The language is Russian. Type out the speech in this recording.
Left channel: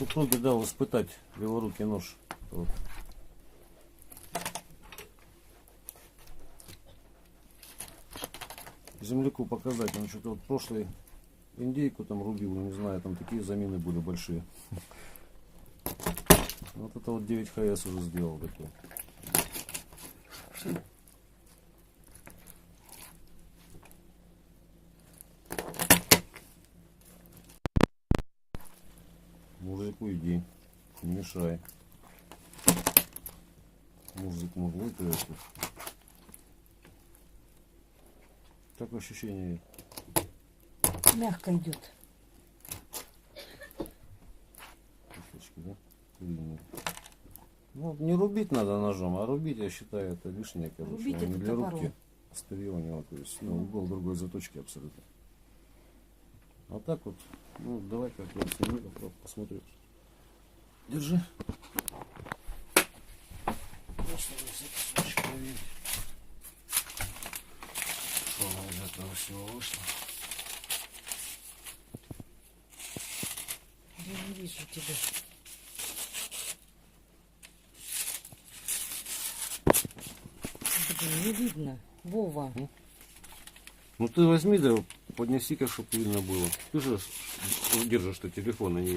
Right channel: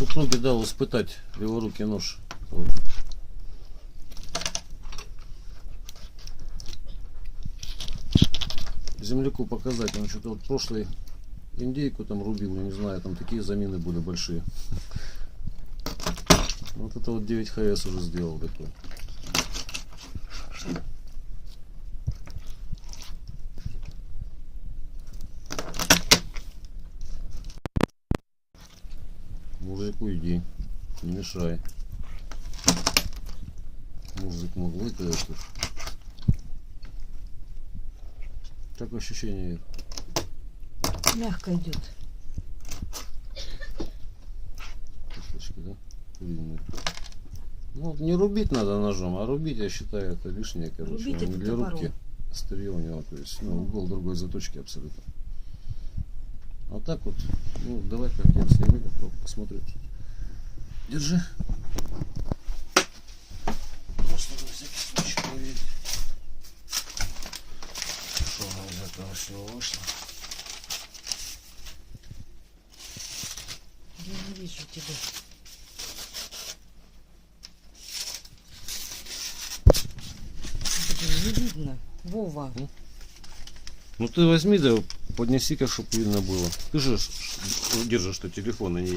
Супруге дал испытать леворукий нож. Вот. Земляку показать, он что-то вот прошлый индейку там рубил, не знаю, там такие замины были большие. Вот это вот 9 ХС уже сделал такой. Мужику иди, не мешай. Мужик мурлыкает. Как ощущение? Мягко идет. Кусочки, да? Куриные. Ну, не рубить надо ножом, а рубить, я считаю, это лишнее, короче. Рубить Он не это для топором. рубки. Острие у него, то есть, ну, угол другой заточки абсолютно. А так вот, ну, давай как я сниму, попробую, посмотрю. Держи. Просто на всякий случай проверить, что она из этого всего вышло. Я не вижу тебя. Блин, не видно. Вова. Ну ты возьми, да поднеси-ка, чтобы видно было. Ты же держишь, что телефон, а не я.